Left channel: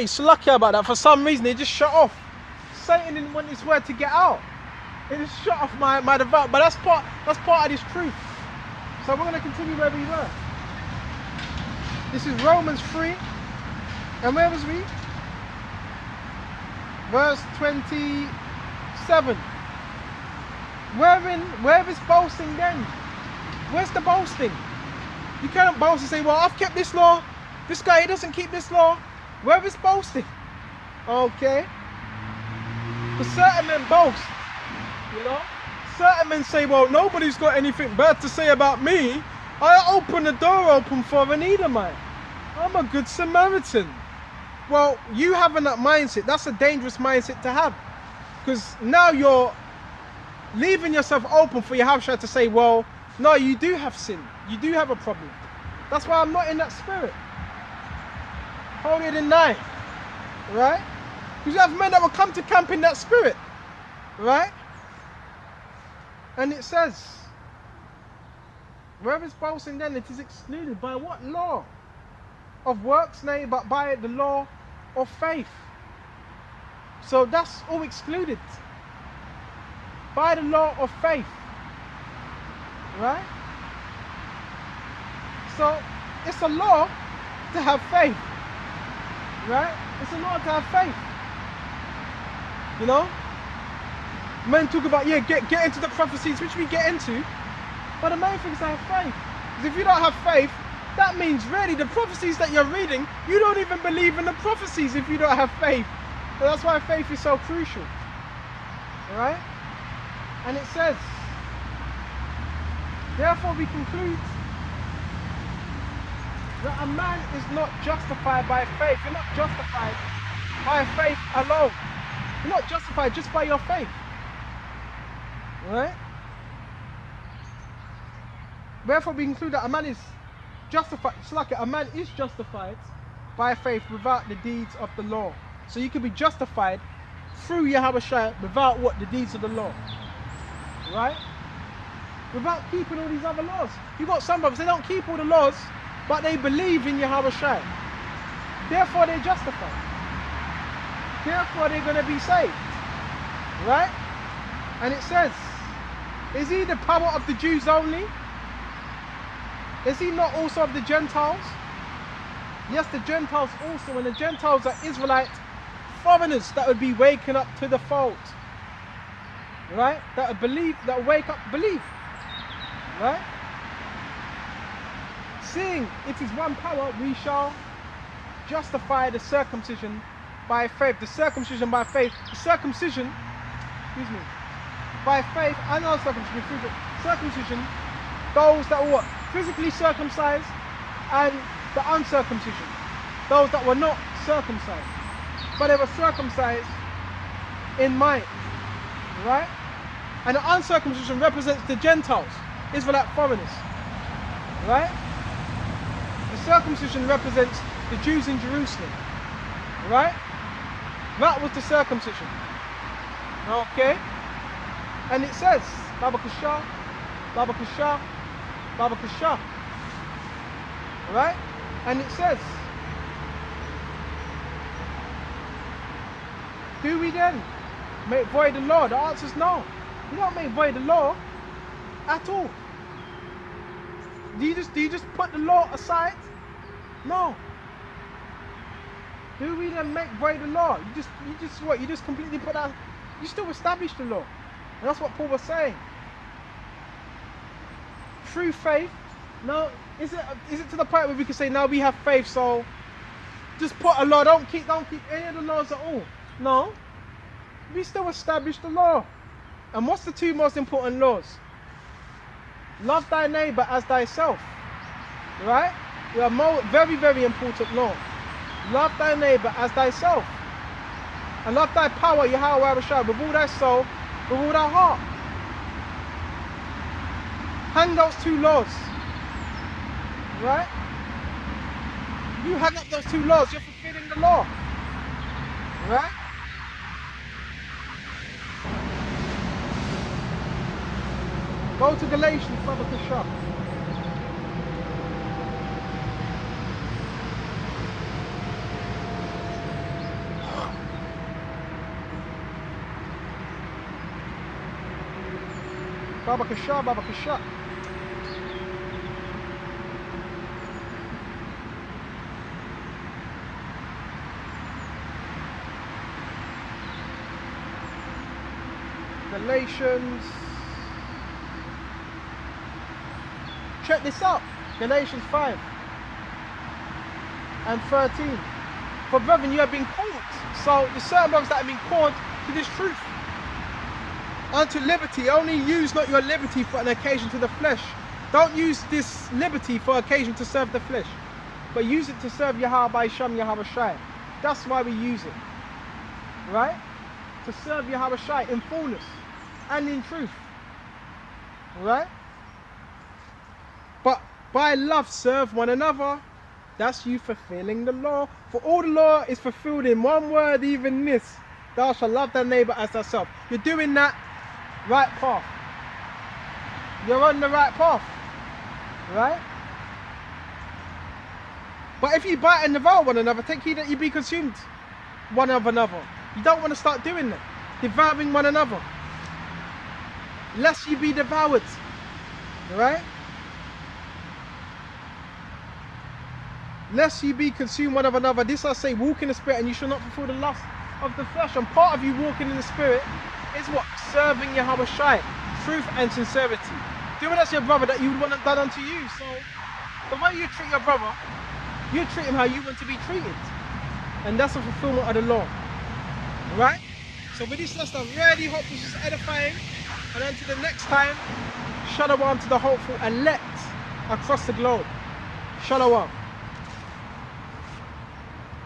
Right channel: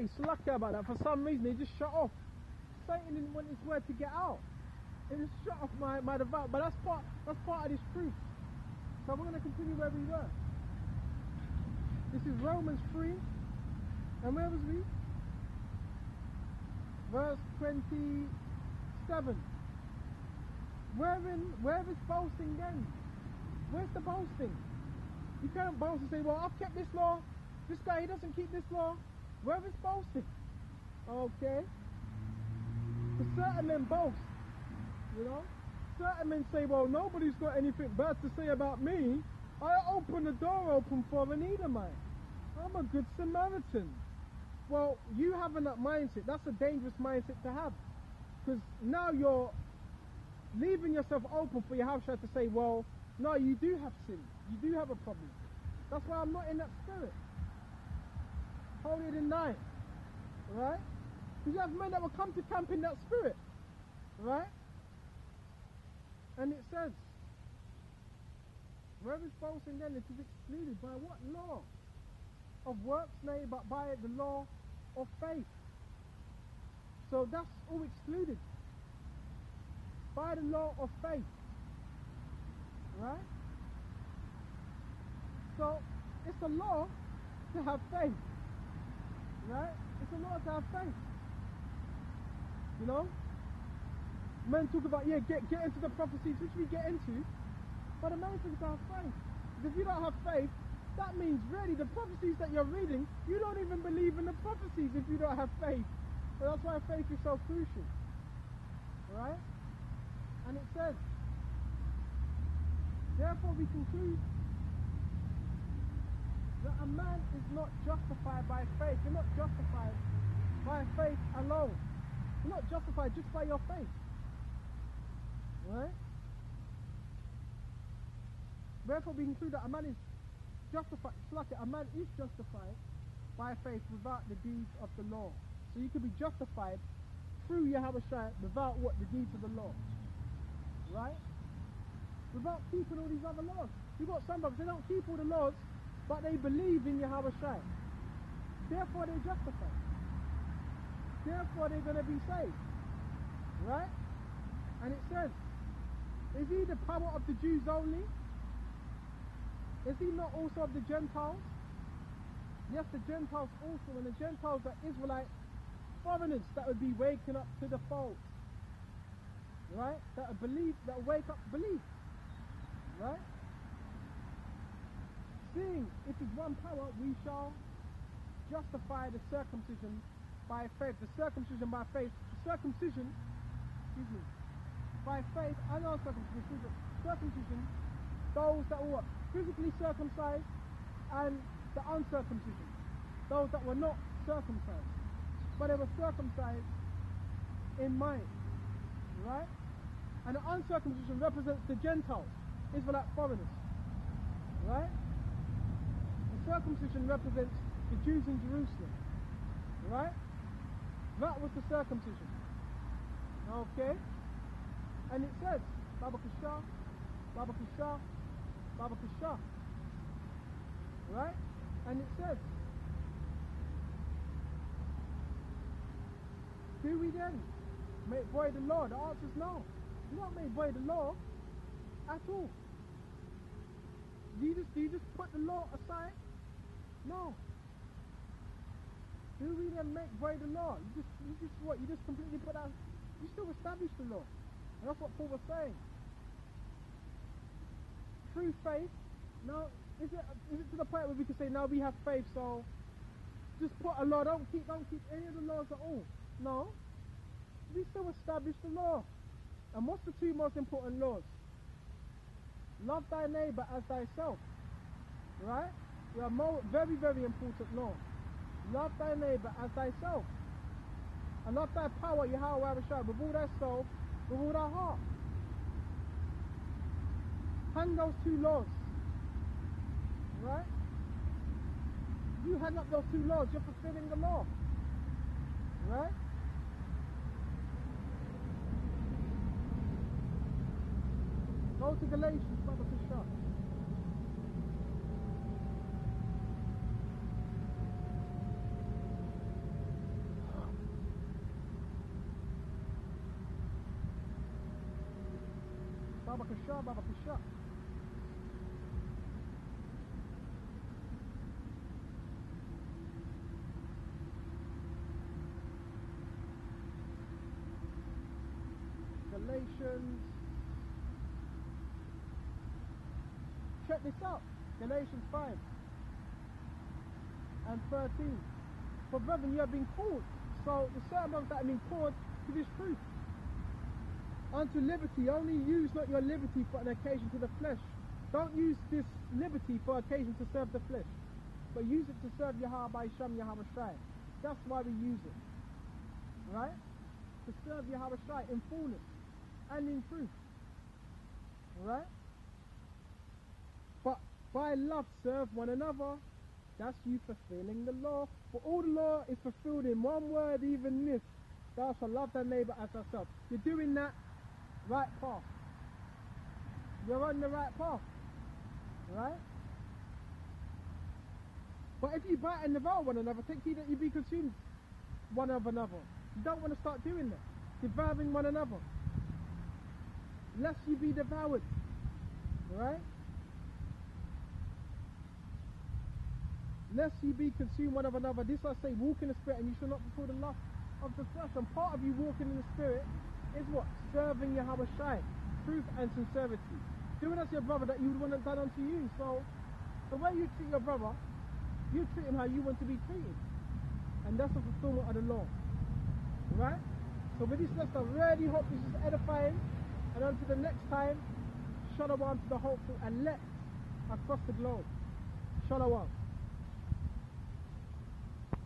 Hey, Salakia about that. For some reason, it just shut off. Satan didn't want his word to get out. It just shut off my devout. But that's part of this truth. So we're going to continue where we were. This is Romans 3. And where was we? Verse 27. Where is boasting then? Where's the boasting? You can't boast and say, well, I've kept this law. This guy, he doesn't keep this law. Where is boasting? Okay. But certain men boast. You know? Certain men say, well, nobody's got anything bad to say about me. I open the door open for an Edomite. I'm a good Samaritan. Well, you having that mindset, that's a dangerous mindset to have. Because now you're leaving yourself open for Yahawashi to say, well, no, you do have sin. You do have a problem. That's why I'm not in that spirit. Holier than thou. Right? Because you have men that will come to camp in that spirit. Right? And it says, where is boasting then? It is excluded. By what law? Of works, nay, but by the law of faith. So that's all excluded. By the law of faith. Right? So it's a law to have faith. Right? It's a law to have faith. You know? Men talk about, yeah, get into the prophecies, which we get into. But the main thing is to have faith. Because if you don't have faith, that means really the prophecies that you're reading, you don't even believe in the prophecies if you don't have faith. So that's why faith is so crucial. Alright? And it says, therefore we conclude that a man is not justified by faith. You're not justified by faith alone. You're not justified just by your faith. Right? Therefore we conclude that a man is justified. It's like a man is justified by faith without the deeds of the law. So you can be justified through Yahawashi without what? The deeds of the law. Right? Without keeping all these other laws. You've got some brothers, they don't keep all the laws, but they believe in Yahawashi. Therefore they're justified. Therefore they're going to be saved. Right? And it says, is he the power of the Jews only? Is he not also of the Gentiles? Yes, the Gentiles also, and the Gentiles are Israelite foreigners that would be waking up to the fold. Right? That would believe, that would wake up, believe. Right? Seeing it is one power, we shall justify the circumcision by faith. The circumcision by faith. The circumcision, excuse me, by faith and uncircumcision. Circumcision, those that were what? Physically circumcised, and the uncircumcision, those that were not circumcised, but they were circumcised in mind. Right? And the uncircumcision represents the Gentiles, Israelite foreigners. Right? The circumcision represents the Jews in Jerusalem. Right? That was the circumcision. Okay? And it says, Baba Kasha, Baba Kasha, Baba Kasha. Right? And it says, do we then make void the law? The answer is no. You don't make void the law at all. Do you just put the law aside? No. Do we then make void the law? You just completely put that. You still establish the law. And that's what Paul was saying. Through faith. No, is it to the point where we can say now we have faith, so just put a law, don't keep any of the laws at all? No. We still establish the law. And what's the two most important laws? Love thy neighbor as thyself. Right? They are very, very important law. Love thy neighbor as thyself. And love thy power, Yahawashi, with all thy soul, with all thy heart. Hang those two laws. Right? You hang up those two laws, you're fulfilling the law. Right? Go to Galatians, Baba Kasha. Babakasha, Babakasha. Galatians. Check this out. Galatians 5 and 13. For brethren, you have been called. So the certain brothers that have been called to this truth. Unto liberty. Only use not your liberty for an occasion to the flesh. Don't use this liberty for occasion to serve the flesh. But use it to serve Yahawashi. That's why we use it. Right? To serve Yahawashi in fullness and in truth. Right? But by love serve one another. That's you fulfilling the law. For all the law is fulfilled in one word, even this. Thou shalt love thy neighbor as thyself. You're doing that right path. You're on the right path. Right? But if you bite and devour one another, take heed that you be consumed one of another. You don't want to start doing that. Devouring one another. Lest you be devoured. Right? Lest you be consumed one of another. This I say, walk in the spirit, and you shall not fulfill the lust of the flesh. And part of you walking in the spirit is what? Serving Yahawashi. Truth and sincerity. Doing as your brother that you would want it done unto you. So the way you treat your brother, you treat him how you want to be treated. And that's a fulfillment of the law. Right? So with this lesson, I really hope this is edifying. And until the next time, shalom to the hopeful elect across the globe. Shalom.